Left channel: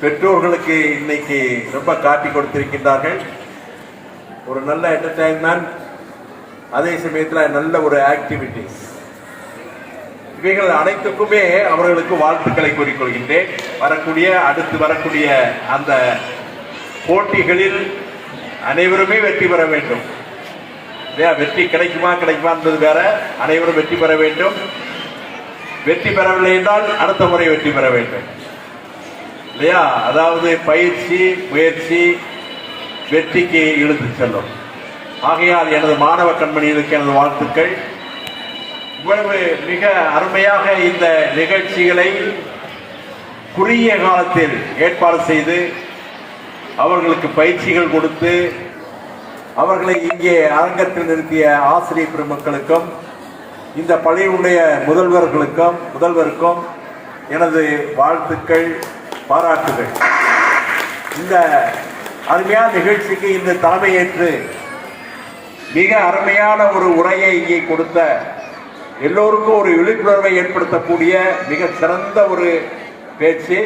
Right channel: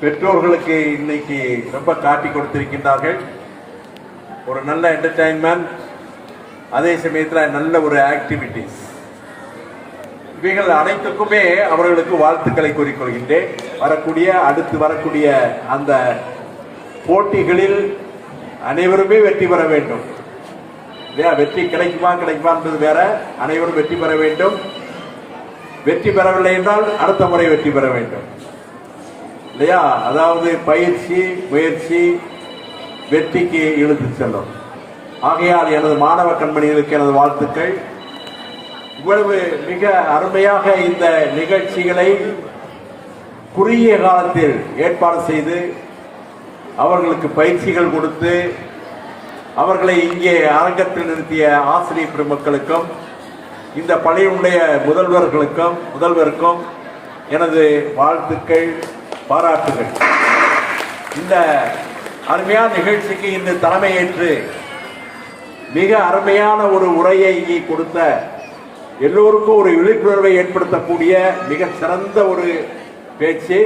பெற்றோர்களுக்கு இன்னைக்கு ரொம்ப காட்டி கொடுத்திருக்கின்றார்கள். ஒரு நல்ல என்டர்டைன்மெண்ட் அதே சமயத்தில் நல்ல ஒரு ஆக்டிவிட்டிஸ் இவைகள் அனைத்துக்குமே அவர்களுக்கு வாழ்த்துக்களை கூறிக்கொள்கின்றேன். வரக்கூடிய அடுத்து வரக்கூடிய அந்த போட்டிகளில் அனைவருமே வெற்றி பெற வேண்டும். வெற்றி கிடைக்குமா கிடைக்குமான்றது வேற. அனைவரும் வெற்றி பெற வேண்டும். வெற்றி பெறவில்லை என்றால் அடுத்த முறை வெற்றி பெற வேண்டும். இல்லையா? அதாவது பயிற்சி முயற்சி வெற்றிக்கு இழுத்து செல்லும். ஆகையால் எனது மாணவ கண்மணிகளுக்கு எனது வாழ்த்துக்கள். இவ்வளவு மிக அருமையாக இந்த நிகழ்ச்சிகளை குறுகிய காலத்தில் ஏற்பாடு செய்து அவர்களுக்கு பயிற்சிகள் கொடுத்து அவர்களை இங்கே அரங்கத்தில் நிறுத்திய ஆசிரியர் பெருமக்களுக்கும் இந்த பள்ளியினுடைய முதல்வர்களுக்கும் முதல்வருக்கும் எனது வாழ்த்துக்கள். பாராட்டுகள். இந்த அருமையான நிகழ்ச்சிக்கு இந்த தலைமையேற்று மிக அருமையான ஒரு உரையை இங்கே கொடுத்த எல்லோருக்கும் ஒரு விழிப்புணர்வை ஏற்படுத்தக்கூடிய மிக சிறந்த ஒரு பேச்சு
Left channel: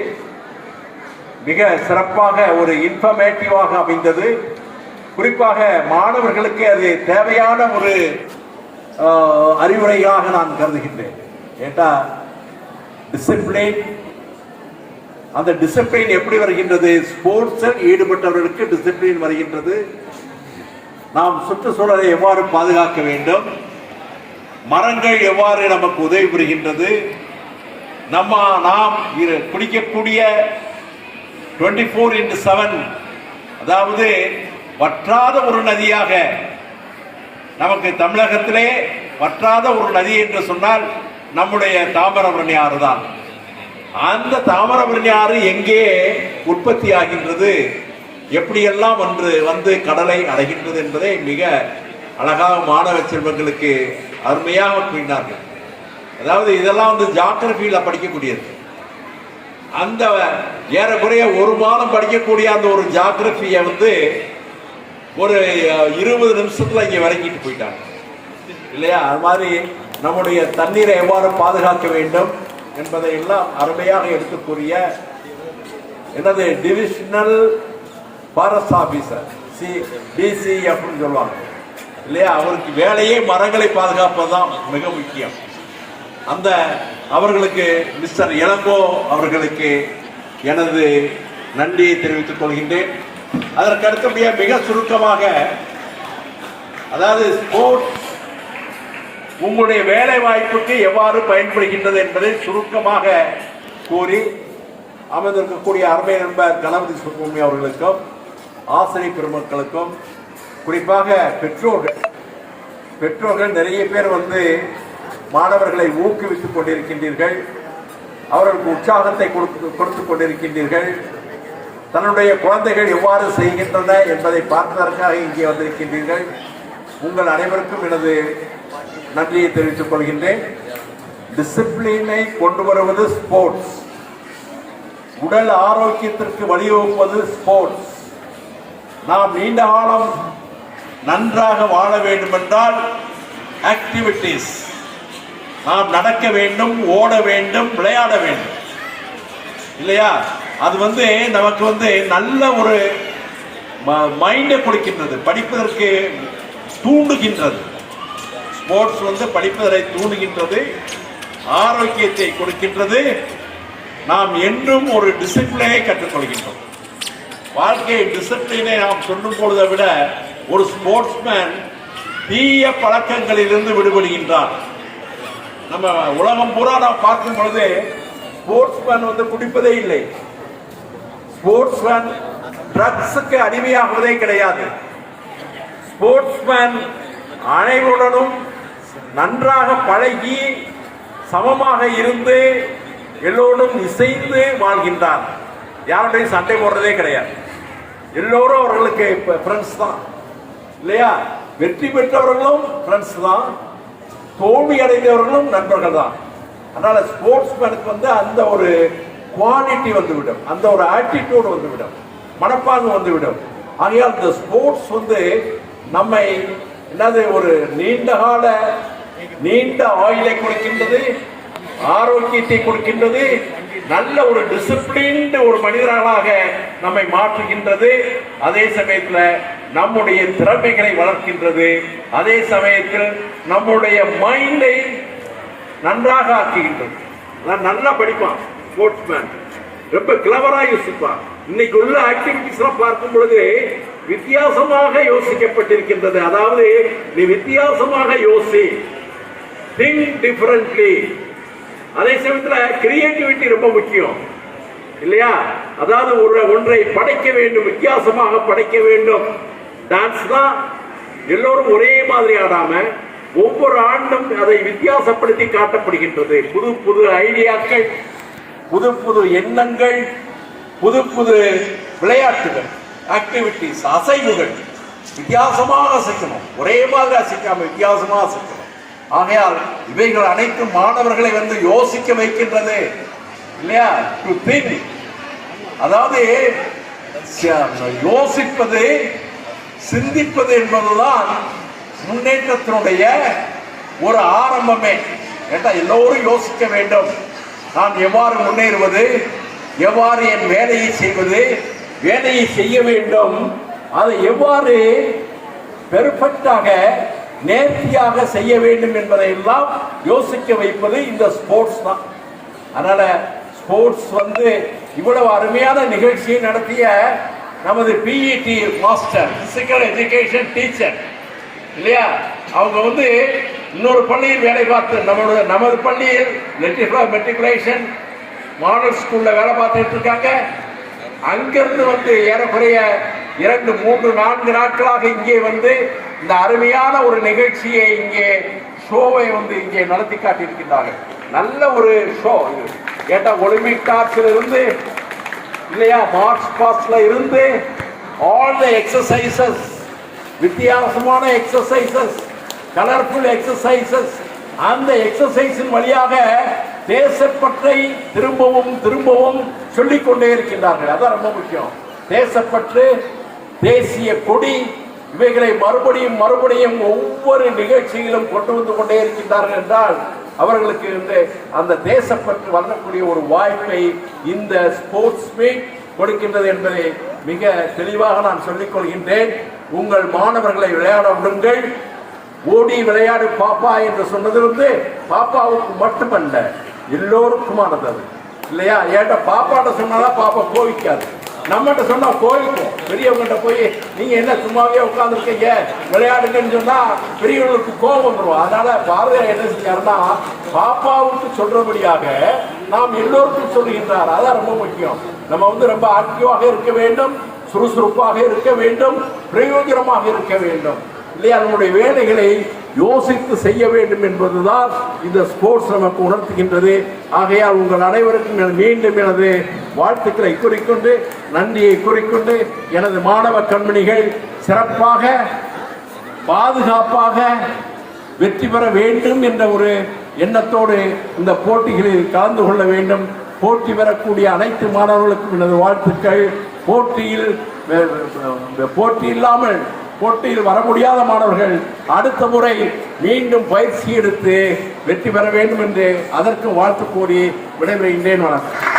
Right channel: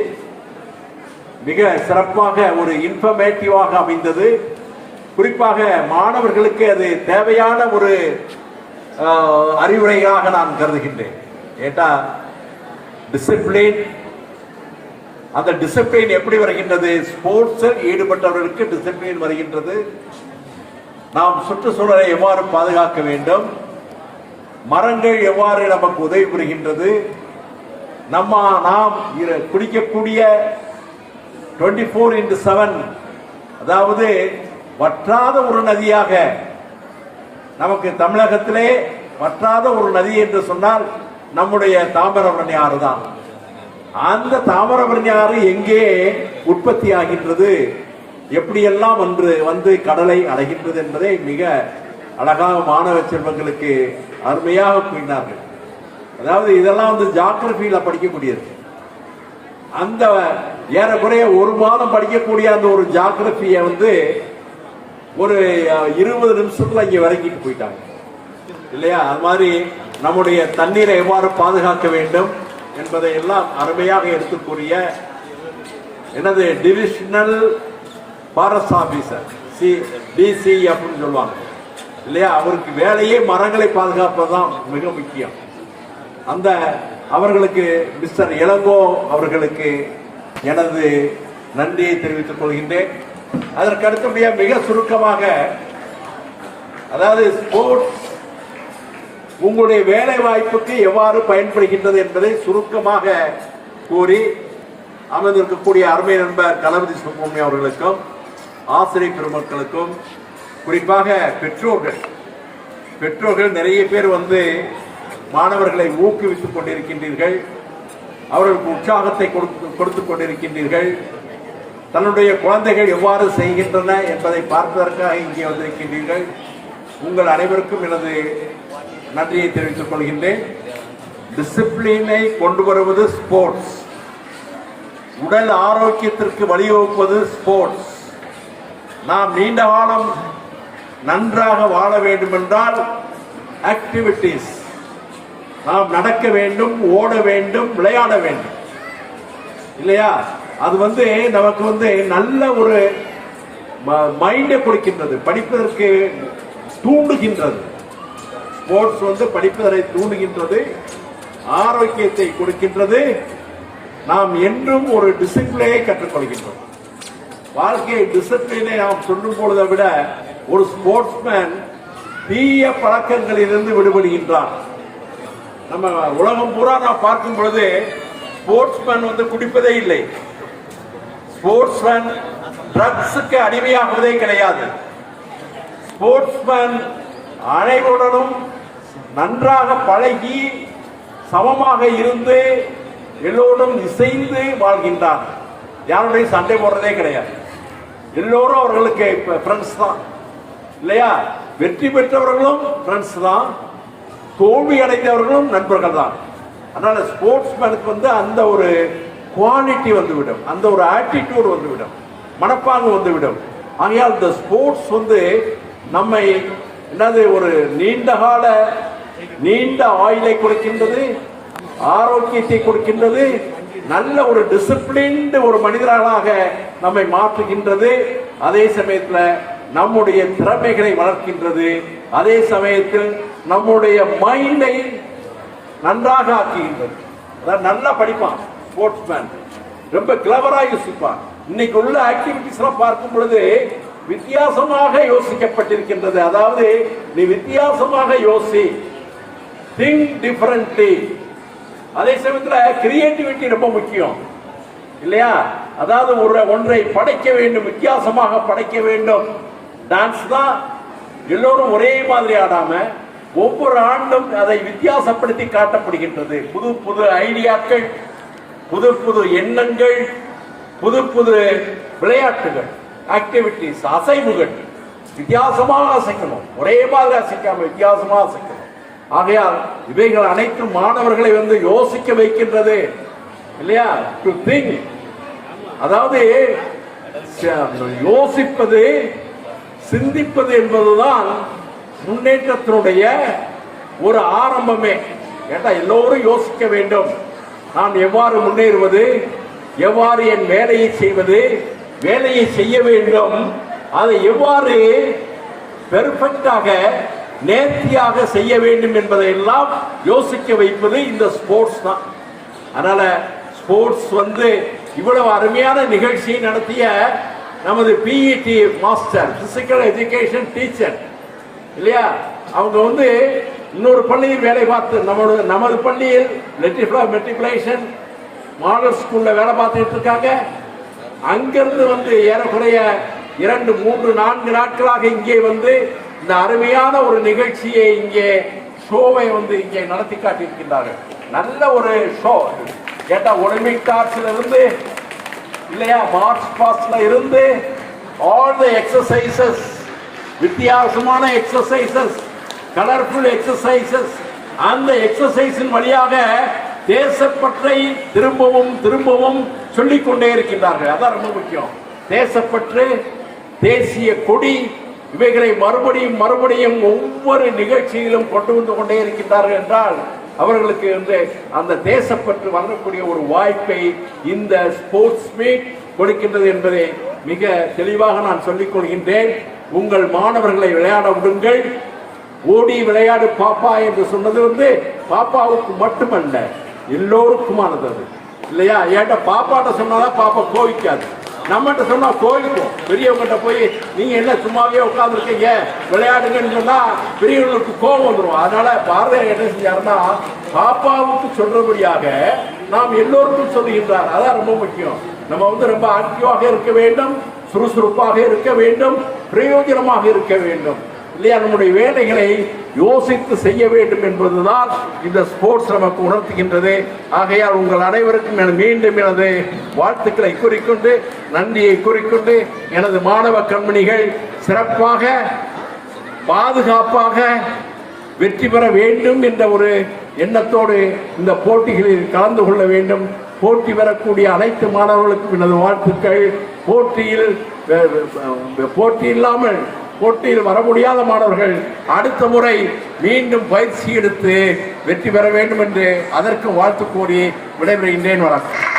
மிக சிறப்பாக ஒரு இன்ஃபர்மேட்டிவாக அமைந்தது. குறிப்பாக மாணவர்களுக்கு அது தேவையான ஒரு அறிவுரையாக நான் கருதுகின்றேன். ஏட்டா டிசிப்ளின் அந்த டிசிப்ளின் எப்படி வருகின்றது? ஸ்போர்ட்ஸில் ஈடுபட்டவர்களுக்கு டிசிப்ளின் வருகின்றது. நாம் சுற்றுச்சூழலை எவ்வாறு பாதுகாக்க வேண்டும்? மரங்கள் எவ்வாறு நமக்கு உதவி புரிகின்றது? நம்ம நாம் இரு- குடிக்கக்கூடிய டுவெண்ட்டி ஃபோர் இன்டு செவன் அதாவது வற்றாத ஒரு நதியாக நமக்கு தமிழகத்திலே வற்றாத ஒரு நதி என்று சொன்னால் நம்முடைய தாமிரபரணி ஆறு தான் அந்த தாமிரபரணி ஆறு எங்கே உற்பத்தி ஆகின்றது எப்படியெல்லாம் ஒன்று வந்து கடலை அடைகின்றது என்பதை மிக அழகாக மாணவ செல்வங்களுக்கு அருமையாக கூறினார்கள். அதாவது இதெல்லாம் வந்து ஜாகிரபியில படிக்கக்கூடியது. அந்த ஏறக்குறைய ஒரு மாதம் படிக்கக்கூடிய அந்த ஒரு ஜாகிரபியை வந்து ஒரு இருபது நிமிஷத்துல இங்கே விளங்கிட்டு போயிட்டாங்க. இல்லையா? அது மாதிரி நம்முடைய தண்ணீரை எவ்வாறு பாதுகாக்க வேண்டும்? என்பதை எல்லாம் அருமையாக எடுத்து கூறிய divisional forest officer C DC அப்படின்னு சொல்லுவாங்க. இல்லையா? அவருக்கு வேலையே மரங்களை பாதுகாப்பது தான் மிக முக்கியம். அந்த அவர்களுக்கு மிஸ்டர் இளங்கோ அவர்களுக்கு எனது நன்றியை தெரிவித்துக் கொள்கின்றேன். அதற்கு அடுத்தபடியாக மிக சுருக்கமாக அதாவது ஸ்போர்ட்ஸ் உங்களுடைய வேலை வாய்ப்புக்கு எவ்வாறு பயன்படுகின்றது என்பதை சுருக்கமாக கூறி அமைந்திருக்கக்கூடிய அருமை நண்பர் தளபதி சுப்பிரமணியம் அவர்களுக்கும் ஆசிரியர் பெருமக்களுக்கும் குறிப்பாக பெற்றோர்கள் பெற்றோர்கள் நிறைய பேர் வந்து மாணவர்களை ஊக்குவித்துக் கொண்டிருக்கின்றீர்கள் அவர்களுக்கு உற்சாகத்தை கொடுத்து கொண்டிருக்கின்றீர்கள் தன்னுடைய குழந்தைகள் எவ்வாறு செய்கின்றன என்பதை பார்ப்பதற்காக இங்கே வந்திருக்கின்றீர்கள். உங்கள் அனைவருக்கும் எனது நன்றியை தெரிவித்துக் கொள்கின்றேன். டிசிப்ளினை கொண்டு வருவது ஸ்போர்ட்ஸ் உடல் ஆரோக்கியத்திற்கு வழிவகுப்பது ஸ்போர்ட்ஸ் நாம் நீண்ட காலம் நன்றாக வாழ வேண்டும் என்றால் ஆக்டிவிட்டீஸ் நாம் நடக்க வேண்டும் ஓட வேண்டும் விளையாட வேண்டும். இல்லையா? அது வந்து நமக்கு வந்து நல்ல ஒரு மைண்டை கொடுக்கின்றது. படிப்பதற்கு தூண்டுகின்றது. ஸ்போர்ட்ஸ் வந்து படிப்பதை தூண்டுகின்றது ஆரோக்கியத்தை கொடுக்கின்றது. நாம் என்றும் ஒரு டிசிப்ளினை கற்றுக்கொள்கின்றோம். வாழ்க்கை டிசிப்ளினை நாம் சொல்லும் பொழுதை விட ஒரு ஸ்போர்ட்ஸ்மேன் தீய பழக்கங்களிலிருந்து விடுபடுகின்றார். நம்ம உலகம் பூரா நாம் பார்க்கும் பொழுது ஸ்போர்ட்ஸ்மேன் வந்து குடிப்பதே இல்லை. ஸ்போர்ட்ஸ்மேன் ட்ரக்ஸுக்கு அடிமையாகுவதே கிடையாது. ஸ்போர்ட்ஸ்மேன் அனைவருடனும் நன்றாக பழகி சமமாக இருந்து எல்லோரும் இசைந்து வாழ்கின்றார். யாருடையும் சண்டை போடுறதே கிடையாது. எல்லோரும் அவர்களுக்கு ஃப்ரெண்ட்ஸ் தான். இல்லையா? வெற்றி பெற்றவர்களும் ஃப்ரெண்ட்ஸ் தான். தோல்வி அடைந்தவர்களும் நண்பர்கள் தான். அதனால ஸ்போர்ட்ஸ்மேனுக்கு வந்து அந்த ஒரு குவாலிட்டி வந்துவிடும். அந்த ஒரு ஆட்டிடியூடு வந்துவிடும். மனப்பாங்கு வந்துவிடும். ஆகையால் இந்த ஸ்போர்ட்ஸ் வந்து நம்மை என்னது ஒரு நீண்ட கால நீண்ட ஆயுளை கொடுக்கின்றது ஆரோக்கியத்தை கொடுக்கின்றது நல்ல ஒரு டிசிப்ளின்டு ஒரு மனிதர்களாக நம்மை மாற்றுகின்றது. அதே சமயத்தில் நம்முடைய திறமைகளை வளர்க்கின்றது. அதே சமயத்தில் நம்முடைய மைண்டை நன்றாக ஆக்குகின்றது. நல்லா படிப்பான் ஸ்போர்ட்ஸ்மேன் ரொம்ப கிளவராக யோசிப்பான். இன்னைக்கு உள்ள ஆக்டிவிட்டிஸ் எல்லாம் பார்க்கும் பொழுது வித்தியாசமாக யோசிக்கப்பட்டிருக்கின்றது. அதாவது நீ வித்தியாசமாக யோசி. திங்க் டிஃபரண்ட்லி அதே சமயத்தில் கிரியேட்டிவிட்டி ரொம்ப முக்கியம். இல்லையா? அதாவது ஒரு ஒன்றை படைக்க வேண்டும் வித்தியாசமாக படைக்க வேண்டும். டான்ஸ் தான் எல்லோரும் ஒரே மாதிரி ஆடாம ஒவ்வொரு ஆண்டும் அதை வித்தியாசப்படுத்தி காட்டப்படுகின்றது. புது புது ஐடியாக்கள் புது புது எண்ணங்கள் புது புது விளையாட்டுகள். ஆக்டிவிட்டிஸ் அசைவுகள் வித்தியாசமாக அசைக்கணும் ஒரே மாதிரி அசைக்காம வித்தியாசமாக அசைக்கணும். ஆகையால் இவைகள் அனைத்தும் மாணவர்களை வந்து யோசிக்க வைக்கின்றது. இல்லையா? டு திங்க் அதாவது ச- யோசிப்பது சிந்திப்பது என்பதுதான் முன்னேற்றத்தினுடைய ஒரு ஆரம்பமே. ஏட்டா எல்லோரும் யோசிக்க வேண்டும்? நான் எவ்வாறு முன்னேறுவது? எவ்வாறு என் வேலையை செய்வது? வேலையை செய்ய வேண்டும். அதை எவ்வாறு பெர்ஃபெக்டாக நேர்த்தியாக செய்ய வேண்டும் என்பதை எல்லாம் யோசிக்க வைப்பது இந்த ஸ்போர்ட்ஸ் தான். அதனால ஸ்போர்ட்ஸ் வந்து இவ்வளவு அருமையான நிகழ்ச்சியை நடத்திய நமது PET master physical education teacher இல்லையா? அவங்க வந்து இன்னொரு பள்ளியில் வேலை பார்த்து நம்மளோட நமது பள்ளியில் மெட்ரிகுலேஷன் மாடல் ஸ்கூல்ல வேலை பார்த்துட்டு இருக்காங்க. அங்கிருந்து வந்து ஏறக்குறைய இரண்டு மூன்று நான்கு நாட்களாக இங்கே வந்து இந்த அருமையான ஒரு நிகழ்ச்சியை இங்கே ஷோவை வந்து இங்கே நடத்தி காட்டியிருக்கின்றார்கள். நல்ல ஒரு ஷோ இது. கேட்டா ஒலிம்பிக் டார்ச்ல இருந்து இல்லையா மார்ச் பாஸ்ட்ல இருந்து ஆல் த எக்ஸசைசஸ் வித்தியாசமான எக்ஸசைசஸ் கலர்ஃபுல் எக்ஸசைசஸ் அந்த எக்ஸசைஸின் வழியாக தேசப்பற்றை திரும்பவும் திரும்பவும் சொல்லிக் கொண்டே இருக்கின்றார்கள். அதான் ரொம்ப முக்கியம். தேசப்பற்று தேசிய கொடி இவைகளை மறுபடியும் மறுபடியும் ஒவ்வொரு நிகழ்ச்சியிலும் கொண்டு வந்து கொண்டே இருக்கின்றார்கள் என்றால் அவர்களுக்கு இந்த அந்த தேசப்பற்று வரக்கூடிய ஒரு வாய்ப்பை இந்த ஸ்போர்ட்ஸ் மீட் கொடுக்கின்றது என்பதை மிக தெளிவாக நான் சொல்லிக் கொள்கின்றேன். உங்கள் மாணவர்களை விளையாட விடுங்கள். ஓடி விளையாடு பாப்பா என்று சொன்னதிலிருந்து பாப்பாவுக்கு மட்டுமல்ல எல்லோருக்குமானது அது. இல்லையா? ஏன்டா பாப்பாட்ட சொன்னாலும் பாப்பா கோவிக்காது. நம்மகிட்ட சொன்னா கோவிக்கும். பெரியவங்கிட்ட போய் நீங்க என்ன சும்மாவே உட்காந்துருக்கீங்க விளையாடுங்கன்னு சொன்னா பெரியவங்களுக்கு கோபம் வந்துடும் அதனால பாரதியார் என்ன செஞ்சாருன்னா பாப்பாவுக்கு சொல்றபடியாக நாம் எல்லோருக்கும் சொல்லுகின்றார். அதான் ரொம்ப முக்கியம். நம்ம வந்து ரொம்ப ஆக்டிவாக இருக்க வேண்டும் சுறுசுறுப்பாக இருக்க வேண்டும் பிரயோஜனமாக இருக்க வேண்டும். இல்லையா? நம்முடைய வேலைகளை யோசித்து செய்ய வேண்டும் என்பதுதான் இந்த ஸ்போர்ட்ஸ் நமக்கு உணர்த்துகின்றது. ஆகையால் உங்கள் அனைவருக்கும் மீண்டும் எனது வாழ்த்துக்களை கூறிக்கொண்டு நன்றியை கூறிக்கொண்டு எனது மாணவ கண்மணிகள் சிறப்பாக பாதுகாப்பாக வெற்றி பெற வேண்டும் என்ற ஒரு எண்ணத்தோடு இந்த போட்டிகளில் கலந்து கொள்ள வேண்டும். போட்டி பெறக்கூடிய அனைத்து மாணவர்களுக்கும் எனது வாழ்த்துக்கள். போட்டியில் போட்டி இல்லாமல் போட்டியில் வர முடியாத மாணவர்கள் அடுத்த முறை மீண்டும் பயிற்சி எடுத்து வெற்றி பெற வேண்டும் என்று அதற்கு வாழ்த்து கூறி விடைபெறுகின்றேன். வணக்கம்.